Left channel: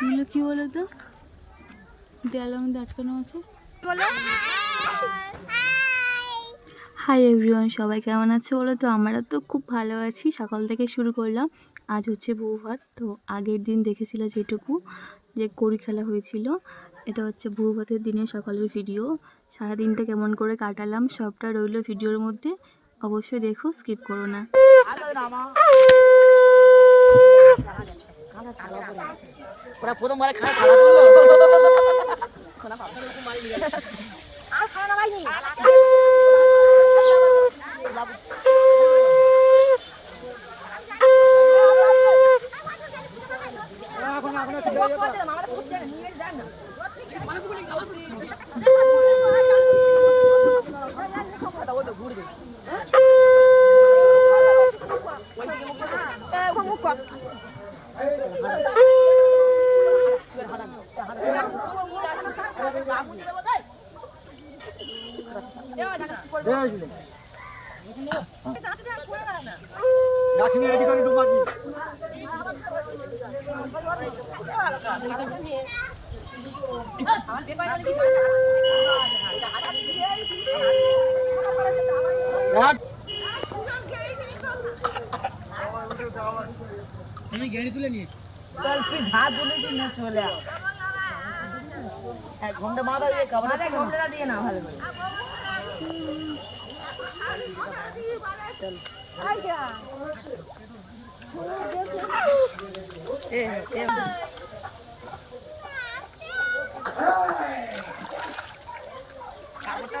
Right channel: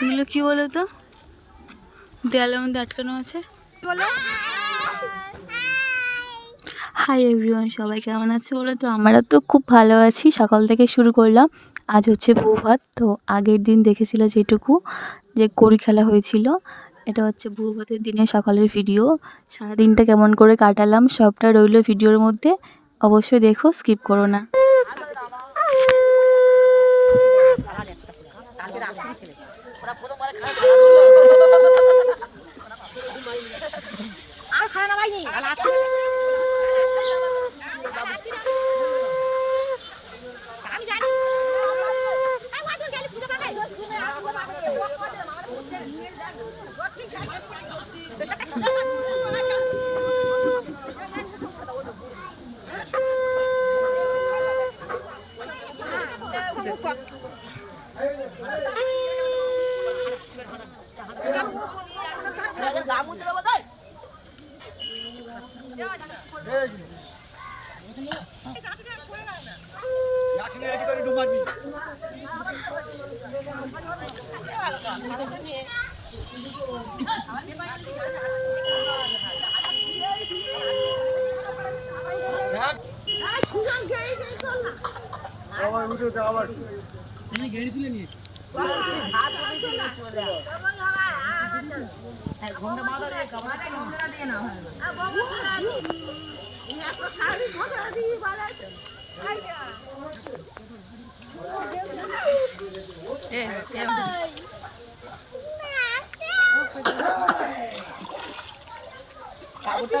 এগুলো কি বলো তো, দেয়ালের মধ্যে আটকানো আছে। বলো হাই এভরিওয়ান, সবাই কেমন আছে বলো তো? আমরা তো খুব ভালো আছি। সকাল থেকে শুরু করলাম। আজ হচ্ছে বউ ভাত। তো আগের দিন দেখেছিল যেটুকু, যে কড়ি খেলা হয়েছিল, এটা হচ্ছে বউ ভাতের দিনে সকালের ভিডিও। সারাদিনটা কেমন করে কাটালাম সবটা রইলো ভিডিওর মধ্যে। অবশ্যই দেখো, স্কিপ করো না। আমি গেড়ি তুলে নিয়েছি। চলে ঘন্টা মাথা দিয়ে ঘন্টা দিয়ে না ভালো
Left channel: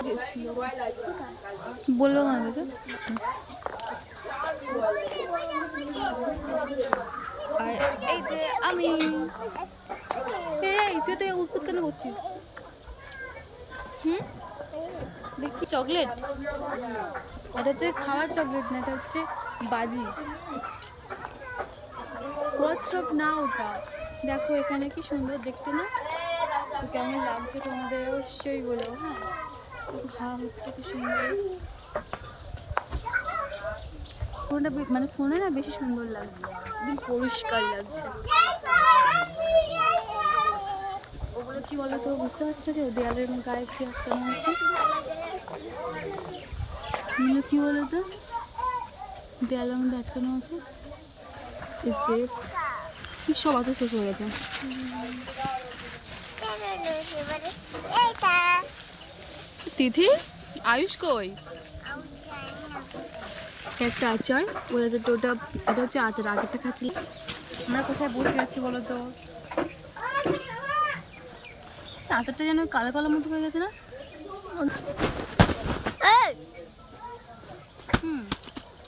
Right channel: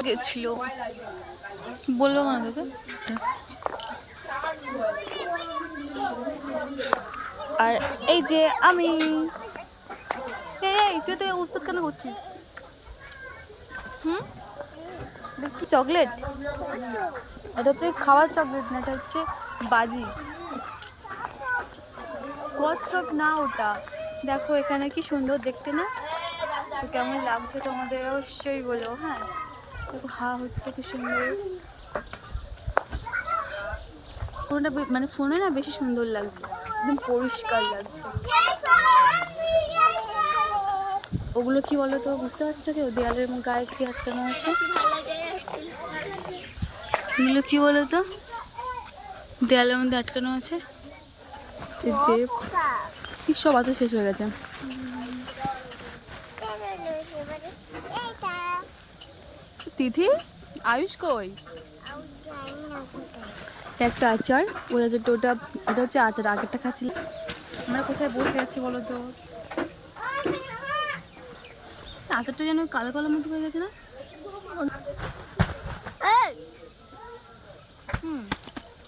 গেছিল বলবো না তোকে। আর এই যে আমি, এই তুই তো উৎপাত কেন করছিস? দেখি চকলেট, এটা হচ্ছে খাওয়ার চকলেট না, এটা হচ্ছে বাজি। কচ্ছপ না ওটা। দেখো এখানে কি সুন্দর দেখতে না? তো কেমন লাগছে তোমাদের অবশ্যই বলো। হ্যাঁ, হা হচ্ছে কি সুন্দর। ফোনটা মানে ফোনে না বেশি সুন্দর লাগছে, একদম পরিষ্কার লাগছে। ওগুলো কি বলো তো, বুঝতে পারছো কেউ? দেয়ালের গায়ে কি আটকানো আছে। এগুলো কি বলো তো, দেয়ালের মধ্যে আটকানো আছে। যে সব আতো শেষ হয়ে গেছে। তিথি, আয়ুষ কই? একটা আচার, ওই আচারটা, এটা হচ্ছে আচার। আগেরটা খাচ্ছিলাম। আমরা কোথায় বসে আছি বলো তো? আচারটা যেন কালো কালো মতো হয়ে গেছে না?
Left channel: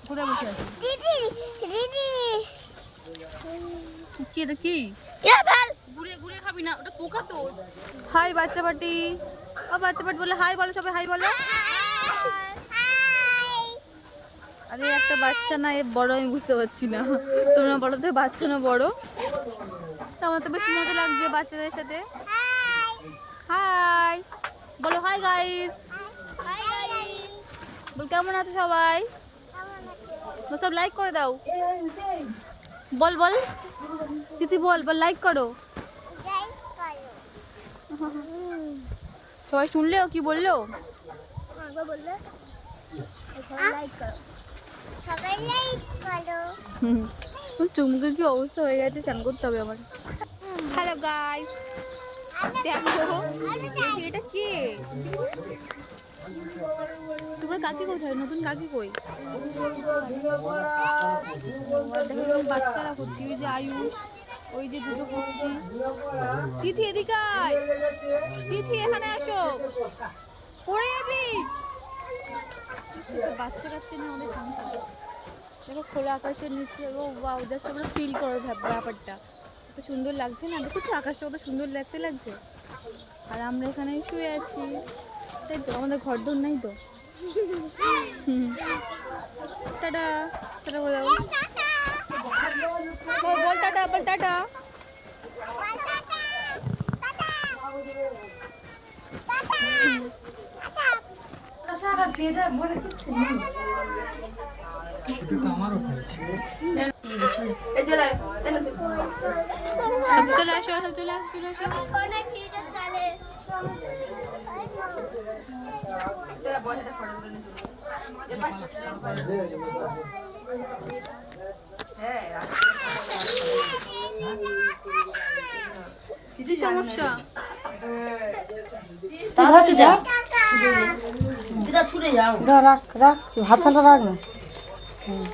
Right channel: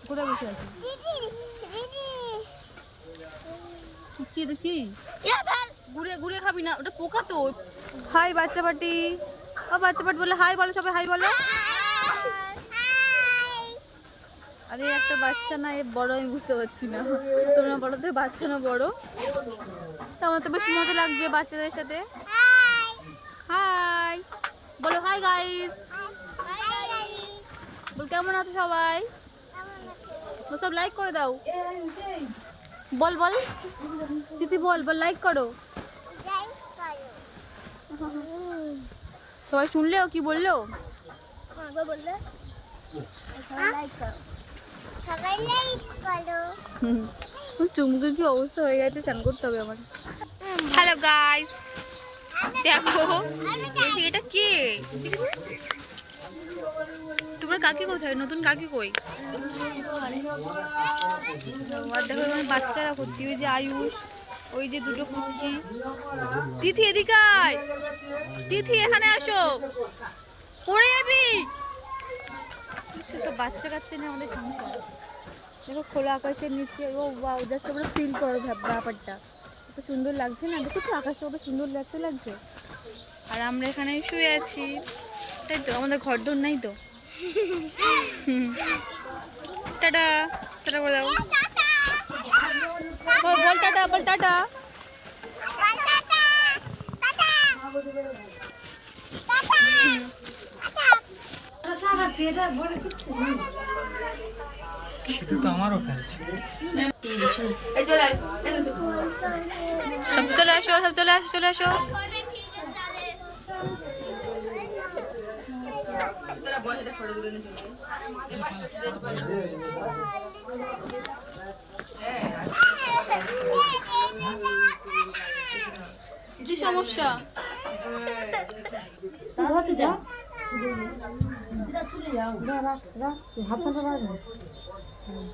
কোথায় বসে আছি? কি এটা কি? ঘুরে ঘুরে খাবি না, ওটা পোকা তো। হাই বাচ্চা পাটি, ও বাচ্চা পাটি বলে হাই বলো, সবাই হাই বলো। আরে একটা বাচ্চা না, এ বড়, আমি বুঝতে পারছি না। তোমরা বলো তো বাচ্চা না বড়? আমার তো বেশ মজা লাগছে বাচ্চাদের সাথে। হাই বলো, হাই গাইস বল। কেমন আছো সবাই? সব লাইক করে দাও। বল বল দিদি, বল বল, লাইক করো। সবাই শুনলেও কি বললো? চুমুকের কি অবস্থা হয়ে গেছে, স্নান করতে হবে আমার। হ্যালো গাইস, দেখো এটা কে? তোমার কাকি কোথায়? নতুন কাকি কই? দেখো বাচ্চারা ভর্তি, ওই যে আয়ুষ, ওই যে দুটো পুচকি। তিথি এদিকে আয়, তিথি এখানে আসো, পড়ে যাবি। সব বাচ্চা কাচ্চা না আমাদের সংসার। দেখো খোলা আকাশের নিচে, ও ওয়াও, জাস্ট আমরা ফিল করো ব্যাপারটা। কত সুন্দর লাগছে না? দেখেছো আকাশটা কত সুন্দর দেখতে লাগছে। আর আমরা এখানে শুয়ে আছি, তাই তো? আমাদের ঘর দোর নাই তো। টাটা, টাটা করে দাও। বল টাটা, বল টাটা। শুধু তো আমারও ফেলছে। সব চলে আসো, সব চলে আসো, চলে আসো। কি সমস্যা?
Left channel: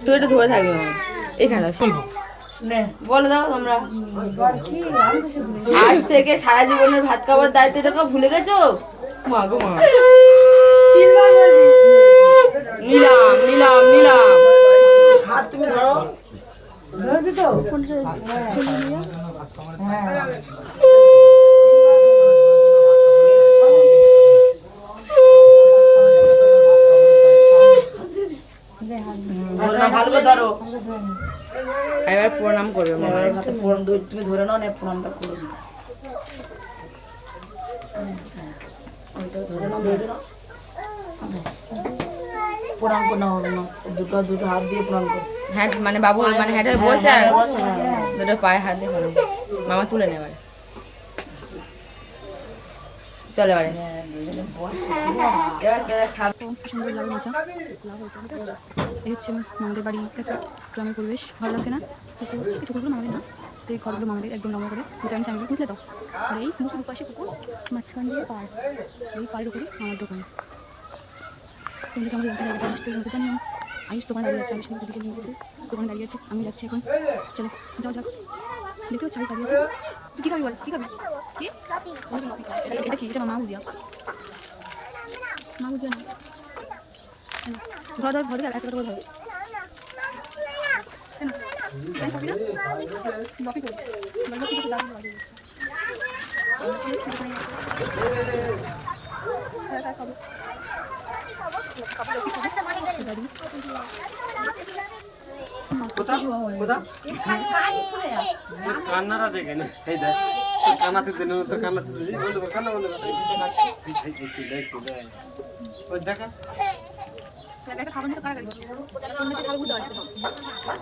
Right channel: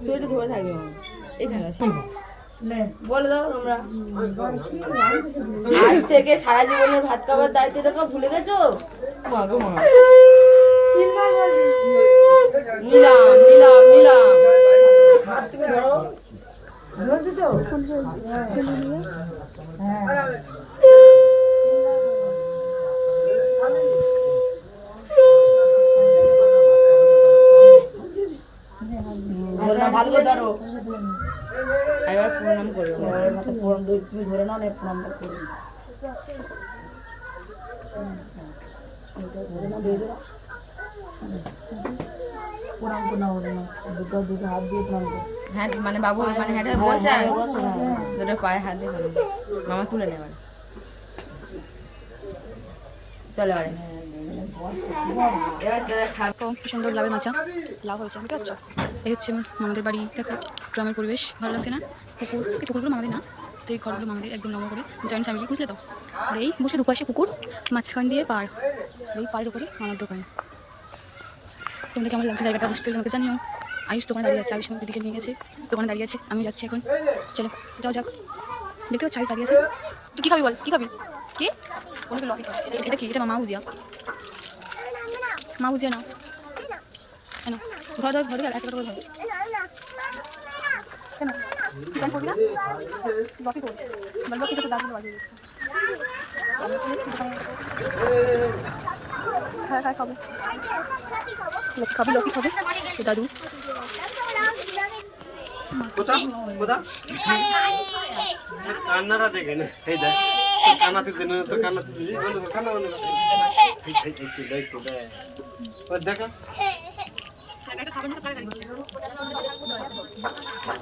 তুই একটু ধরে থাকবি এখানে বলে দাও তোমরা আজ থেকে সারা জীবনের ভাত খাবার দায়িত্বটা ভুলে গেছো? মা গো মা, তিনবার বলবি নিলাম নিলাম নিলাম। হাত তুমি ধরো, ধরবি তো? ভালো ধরো, এবার প্রণাম করবে। তুমি ধরে নাও, প্রণামটা করবে। প্রণাম করতে হবে না, দুটো দুটো হাত দিয়ে প্রণাম করো। হ্যাঁ মানে বাবু মানে হ্যাঁ বসে আর দুটো পায়ে হাত দিয়ে প্রণাম করো। মামা তুলে নেবার চলে এবারে। ও কি সুন্দর লাভের মাচা, লাভ হয়েছে বুঝতে পারছো? এই হচ্ছে আমাদের বাড়ি, দেখো গ্রামের পরিবেশ ভালো লাগছে না? পুকুর, এই পুকুরগুলো মামাদের না, তো এই ঘরগুলো মামাদের একদম লম্বা করে জয়েন্ট ফ্যামিলি, বুঝলে তো? আর এই বসে দুপাশে পুকুর, মাঝখান দিয়ে পাড়, এই পাড়ের উপরে মামার দোকান। তোমাদের কেমন লাগছে জায়গাটা নিশ্চয়ই আমাকে জানিও। আয়ুষ দোকানে দাঁড়িয়ে আছে, আয়ুষ আমাকে দিকে নিয়ে গেছে, দোকানে দাঁড়িয়ে আছে, আমি যাচ্ছি এখন। চলো যাও যাক, দেখতে পাচ্ছ আয়ুষ দাঁড়িয়ে আছে। তুই কী খাবি বল, কী খাবি? কি এটা কি? এটা মা বুঝিয়া, মা বুঝিয়া না কেন? ঘর ধর ঘর একটা করে ধর কেন? কেন করবি না? লকি কর বল, লকি তো দাঁড়িয়ে বাজিয়ে দিচ্ছে। আমরা চলে এসেছি দোকানে, খাওয়া খাওয়া খাবো, খাবি লকি খাবো দাদু। কান্নাটা দেখে না, এই দেখ কান্নাতে দেন তো, কান্নাতে দিই বন্ধু কর, কান্না বন্ধ কর, এই দেখো একটা খাবার নিতে কারা গাড়ি বুঝতে পারছি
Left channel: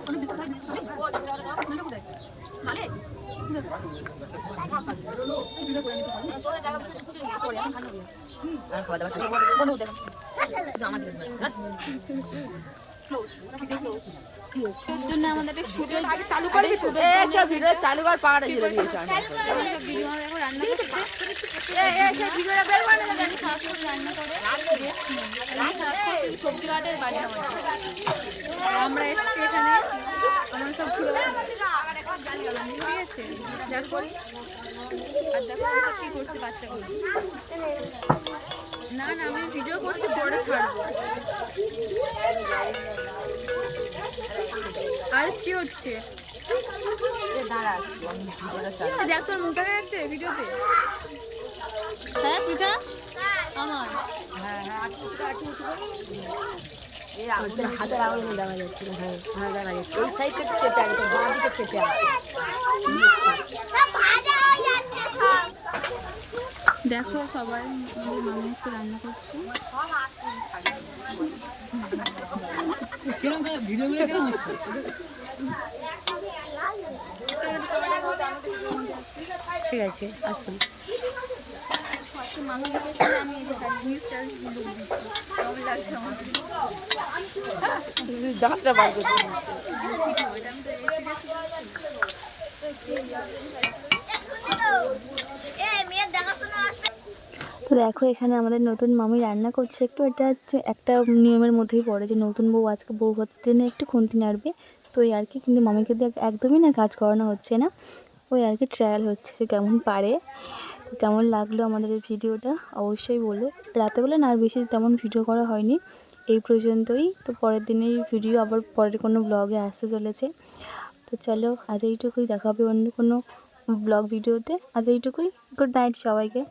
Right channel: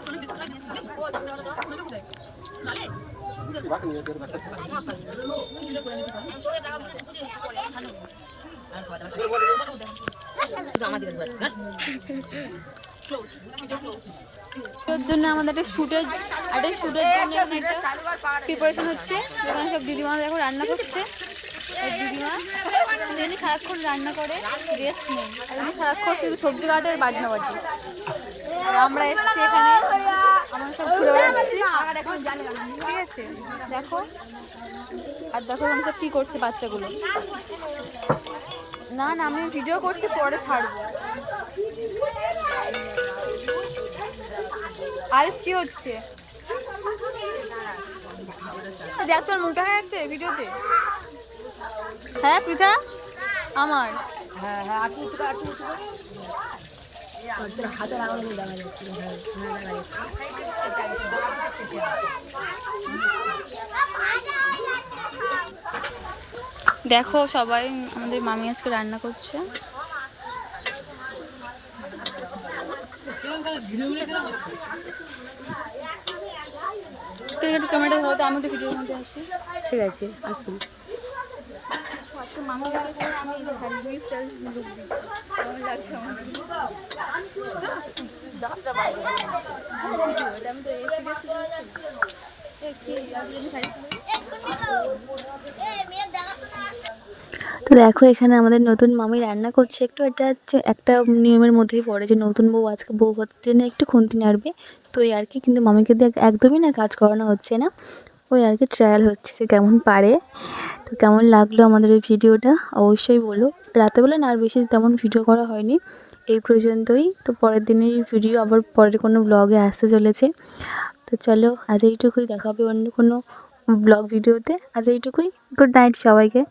কোনো বিস্কুট হয়, বিস্কুট খাবে কোথায় নালে এর জন্য আমাদের একটা শুটের জন্য প্রিপারেশন হচ্ছে। এখানে সব দিদিমা দেখো রান্না করছে, দিদিমা সারাক্ষণ রান্না করে, রেস্ট নেই, আর সারাক্ষণ শুধু সবজি কাটে আর বাজনা বাজে। আমরা এসেছি এখানে, আমরা সব ঘুরে বেড়াচ্ছি, ঠিক আছে? দেখো আর দেখো আমি সব কী করছে বাচ্চাগুলো। না না আমি ভিডিও করছি, পরে ছাড়বো। আয়ুষ কি হচ্ছে? দেখ তোর মুখ দেখা যাচ্ছে ভিডিওতে। হ্যাঁ পৃথা আমার হাতের আঙুল দেখা যাচ্ছে, দেখো সবাই আমাদের মামি আজকে রান্না করছে। ঠিক আছে আসুন। মামি আমি কেমন লাগছে আমার? তো দেখো এখানে আমাদের নতুন মামি রান্না করছে একটু, এটা হচ্ছে একটা নিয়মের মধ্যেই পড়ে যে নতুন বউ আজকে বউ ভাতের দিনে একটু খুন্তি নাড়বে, তো এই আর কি। কিন্তু মামিকে দিয়ে একদমই না কাজ করানো হচ্ছে না, ওই আর কি ট্রায়াল হচ্ছে যে কেমন পারে। তো কেমন লাগলো আমাদের এই ভিডিওটা অবশ্যই বলো। রাতেবেলা না আর বেশি তেমন ভিডিও করা হয়নি, এই পর্যন্তই। তো পরের দিনের ভিডিও আবার পরের কোনো ব্লগে আসতে চলেছে। তো চলো আজ এইটুকুই, দেখা হবে অন্য কোনো ব্লগ ভিডিওতে। আজ এইটুকুই, গুড নাইট সবাইকে।